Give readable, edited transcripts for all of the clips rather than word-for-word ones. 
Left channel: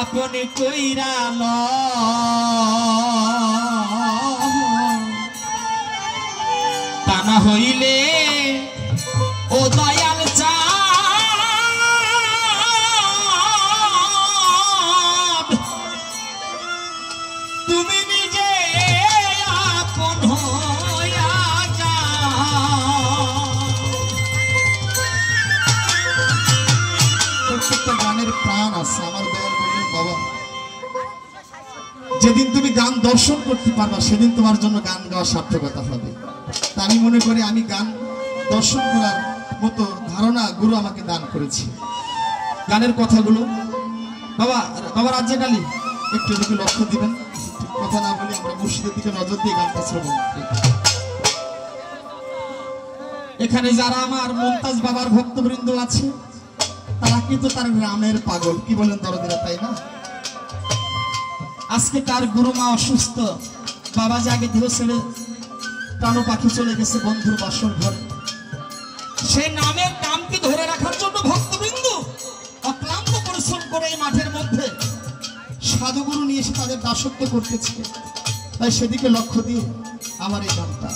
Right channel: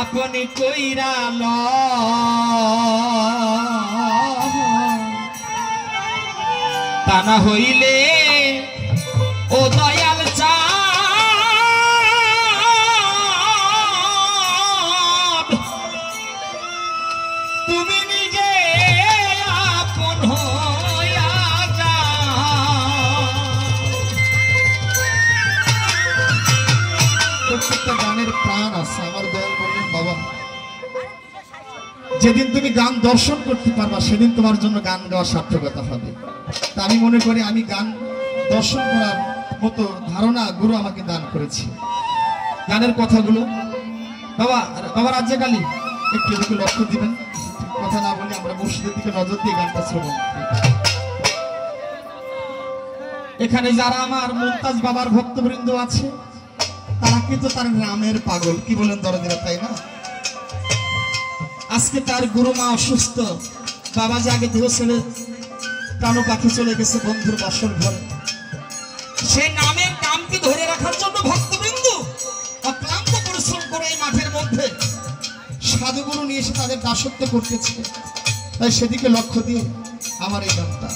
আপনি কইরা তা না হইলে ও দয়াল চাঁদ তুমি নিজে আপন হইয়া যাও। প্রত্যেকটা গানের প্রাণ আছে। আমার দয়াল বললেন বাবা যেদিন তুমি গান দর্শন করতে পারবা সেদিন তোমার জন্য গান গাওয়া সার্থকতা হবে। তা আমি মনে করি আমি গান দর্শন করার মতো ধারণা গুরু আমাকে দান করেছে। গানের কথাগুলো বাবা বাবা রাজ্জাক আলী একটু এদিকে লক্ষ্য দিবেন, কথা না বলে আমরা মসজিদের দিকে নজর দিয়ে গানটা শ্রবণ। এখানে যারা আমার মুমতাজ বাবার ভক্তবৃন্দ আছে তারা কিন্তু তার নামের পাগল, কি বলেন দরদিরা, তাই না? আজকে তার গুরু মা অসুস্থ, বাবা যে আগে দেহ ছেড়ে প্রাণ পাখি চলে গেছে বন্ধুর বাসর ঘরে। সে নামের নামকে ধরে রাখার জন্য ভক্তবৃন্দ অক্লান্ত পরিশ্রম করে এই মাঠের মধ্যে সাধুগুরু নিয়ে এসে তাদের দাসত্ব করতেছে। তাই সেদিকে লক্ষ্য দিয়ে আমার এই গানটা।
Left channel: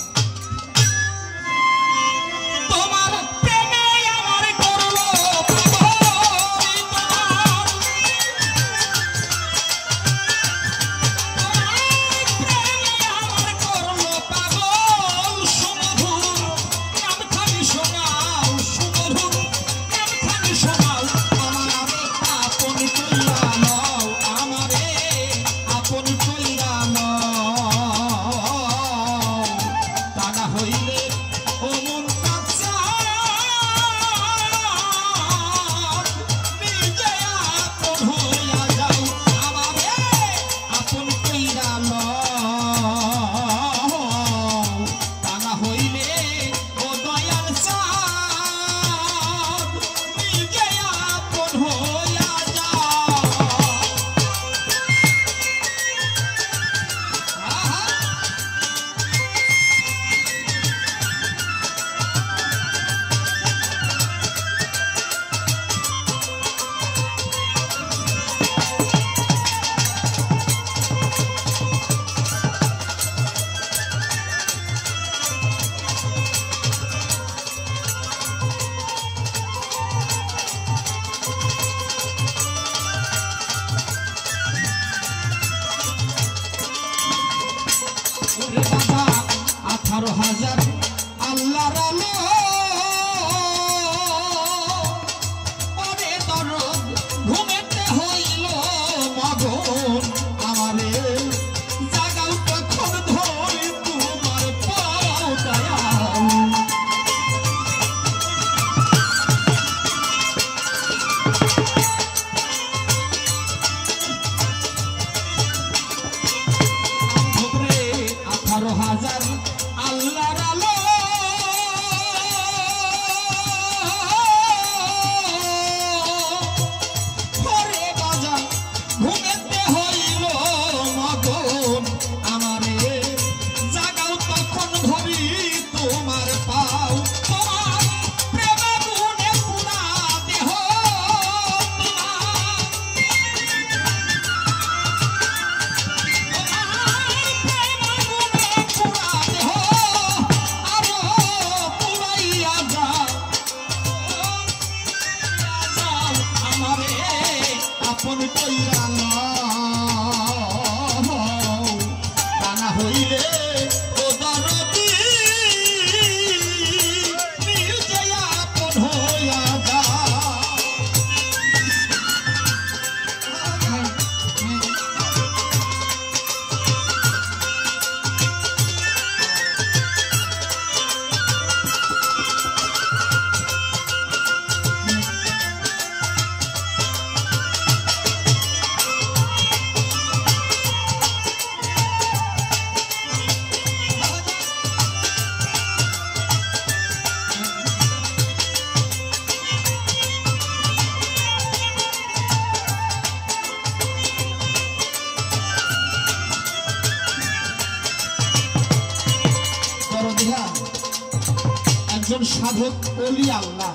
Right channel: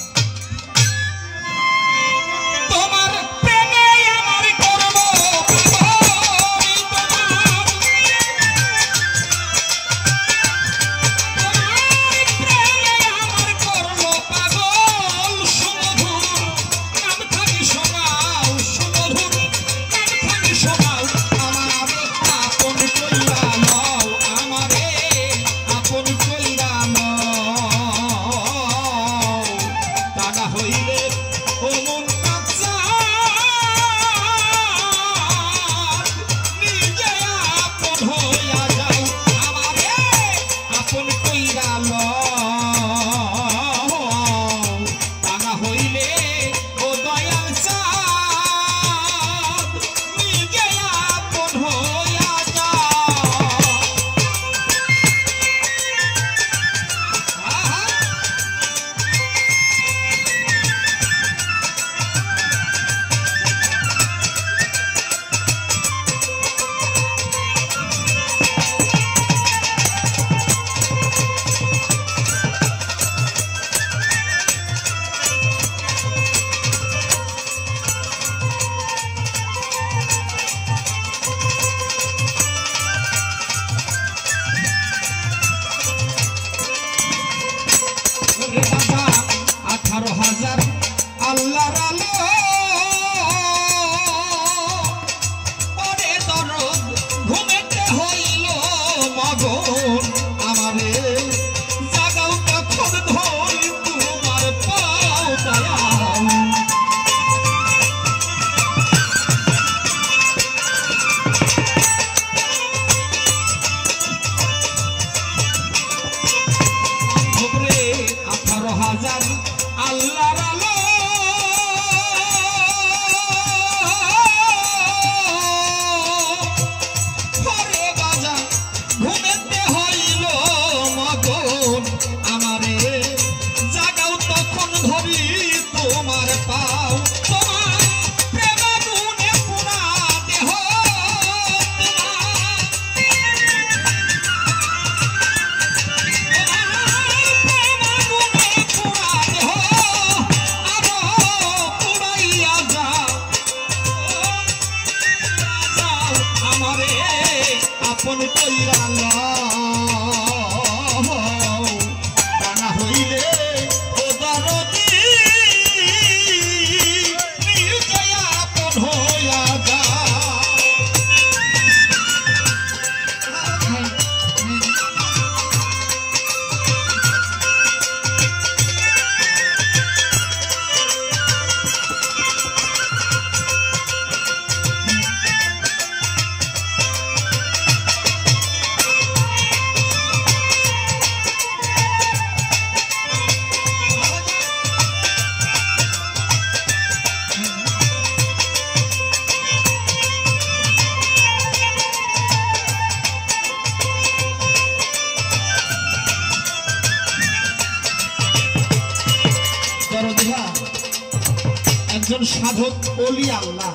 একজন সাধক ওলি আল্লাহ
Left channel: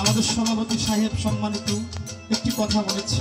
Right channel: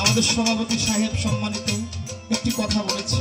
আমাদের সভাপতি সাহেব সম্মানিত একটি কথা বলেছে।